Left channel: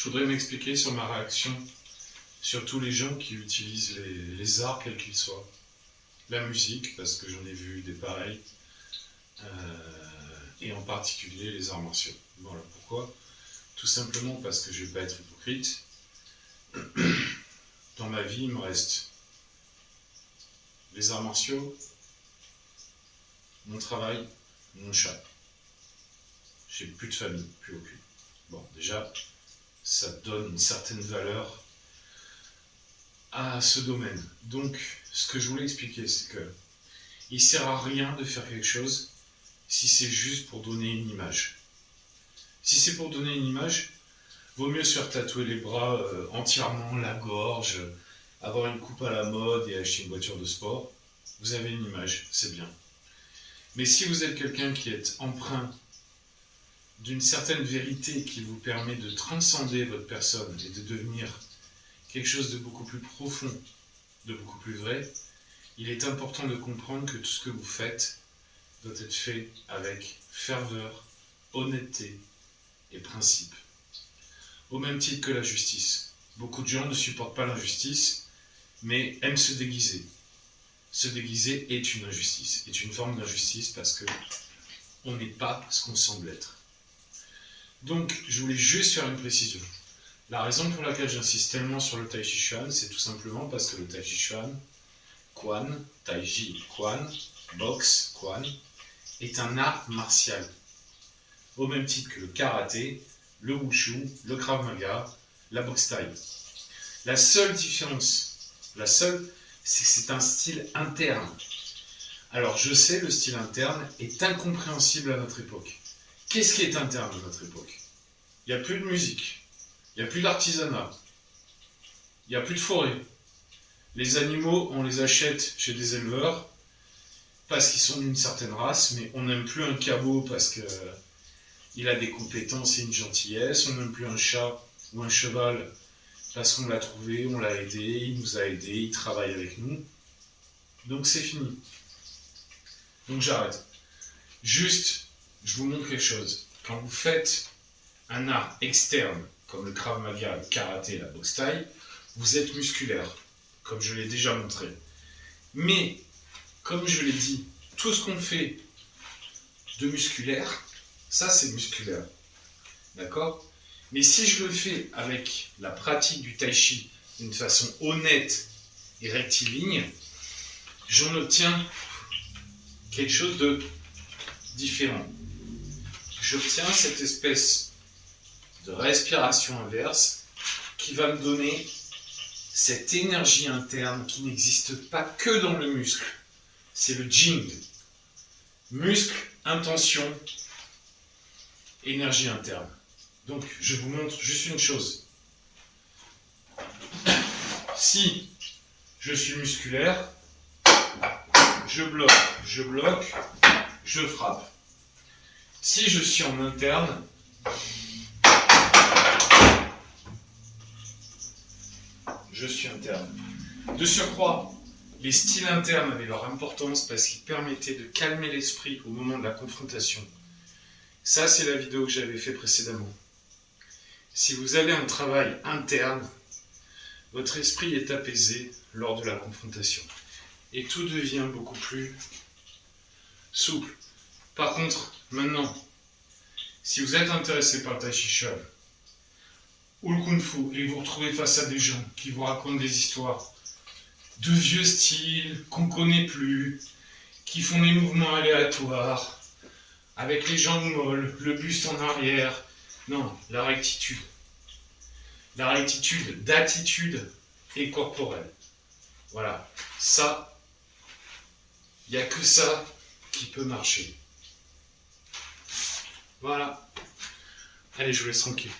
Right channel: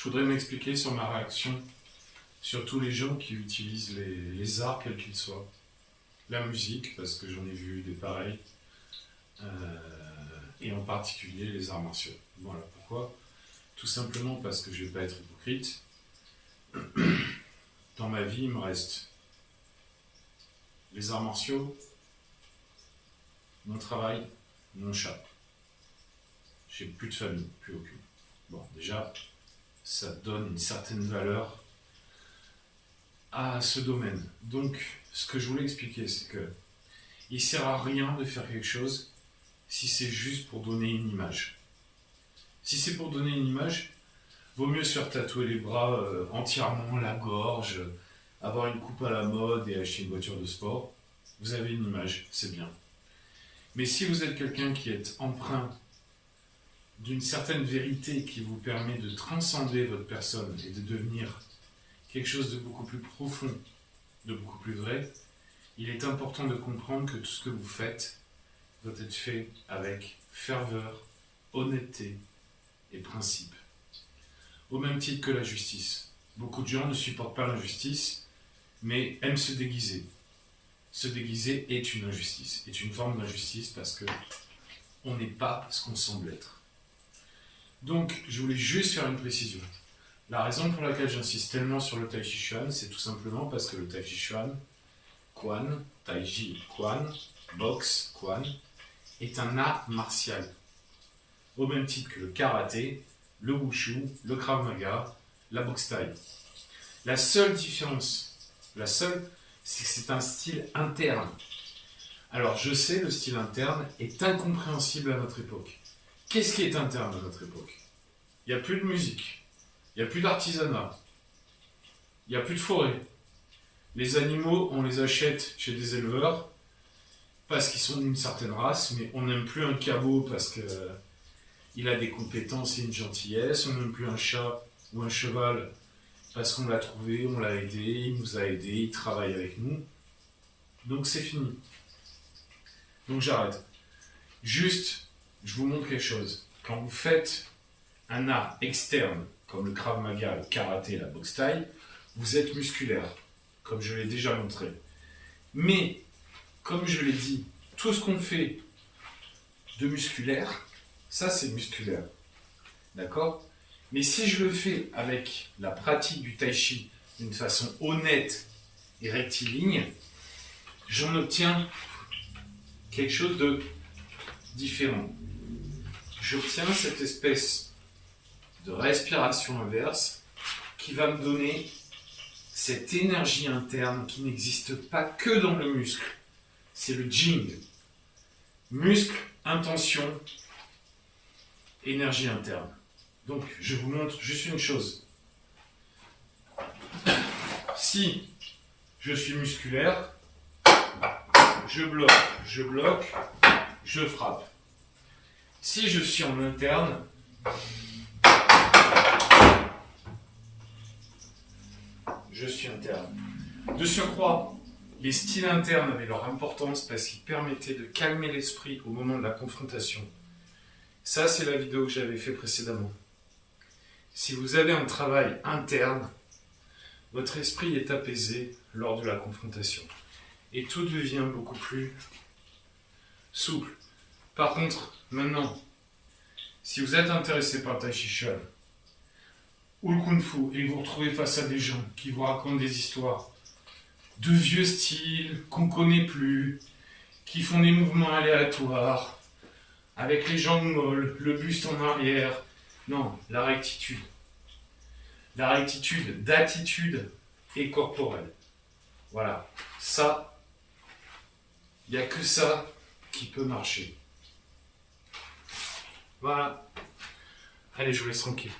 Je voudrais m'expliquer sur ma réaction sur tous les gens qui utilisent les arts, quels qu'ils soient. La musique, parce que j'en ai vu des pareils, et en particulier les arts martiaux. Voilà pourquoi. Tout simplement parce que je ne vais pas être hypocrite. Dans ma vie, il me reste les arts martiaux, mon travail, mon chat. J'ai plus de famille, plus aucune. Bon, déjà, ça donne une certaine valeur à ce domaine. Donc, ce que je voulais expliquer, c'est que il ne sert à rien de faire quelque chose si c'est juste pour donner une image. Si c'est pour donner une image, vaut mieux se faire tatouer les bras entièrement, la gorge, avoir une coupe à la mode et acheter une voiture de sport. Vous avez une image, c'est bien. Mais si vous êtes quelqu'un qui est empreint d'une certaine vérité qui vous permet de transcender votre personne et de devenir quelque chose de beaucoup plus profond, de beaucoup plus vrai, il est important de comprendre que tout ce que vous faites doit être fait avec ferveur, honnêteté et principe. Au même titre que la justice. Beaucoup de gens ne supportent pas l'injustice, mais aiment se déguiser. Se déguiser est une injustice, est une forme d'injustice parce que on n'est pas ce qu'on semble être. Donc, je voulais juste faire une précision. La raison pour laquelle j'insiste tellement sur le Tai Chi Chuan, c'est tout simplement parce que le Tai Chi Chuan, Quan, Tai Chi Quan, boxe Quan, est un art martial. Au même titre que le karaté, le wushu, le krav maga, la boxe thaï. La seule différence, c'est que c'est un style interne. Alors, je sais, le style interne est incompréhensible à notre époque. Qu'est-ce qui est interne à notre époque? Il n'y a plus de musique, il n'y a plus d'artisanat, il n'y a plus de forêt. Les animaux, on les achète chez des éleveurs parce qu'ils sont d'une certaine race, mais on n'aime plus un cabot parce qu'il a des compétences et une gentillesse, on n'aime plus un chat ou un cheval parce qu'on l'a trouvé, on l'a aidé, il nous a aidés, il travaille avec nous. Donc c'est fini. Donc j'arrête. Juste, je vous montre quelque chose. Quand vous faites un art externe, comme le Krav Maga, le karaté, la boxe thaï, vous êtes musculaire, comme je l'ai déjà montré. Mais, comme je l'ai dit, tout ce qu'on fait de musculaire, ça c'est musculaire. D'accord? Mais si je le fais avec la pratique du Tai Chi d'une façon honnête et rectiligne, j'en obtiens quelque chose de différent. J'obtiens cette espèce de respiration inverse qui va me donner cette énergie interne qui n'existe pas que dans le muscle. C'est le Jing. Muscle, intention, énergie interne. Donc, je vous montre juste une chose. Si je suis musculaire, je bloque, je frappe. Si je suis en interne, je suis interne. De surcroît, les styles internes avaient leur importance parce qu'ils permettaient de calmer l'esprit au moment de la confrontation. Ça, c'est la vidéo que j'avais fait précédemment. Si vous avez un travail interne, votre esprit est apaisé lors de la confrontation. Et tout devient beaucoup plus souple. Par contre, maintenant, si vous êtes intéressé par le Tai Chi Chuan ou le Kung Fu et que vous vous retrouvez face à des gens qui vous racontent des histoires de vieux styles qu'on ne connaît plus, qui font des mouvements aléatoires, avec les jambes molles, le buste en arrière, non, la rectitude. La rectitude d'attitude et corporelle. Voilà, ça, il n'y a que ça qui peut marcher. Voilà. Allez, je vous laisse tranquille.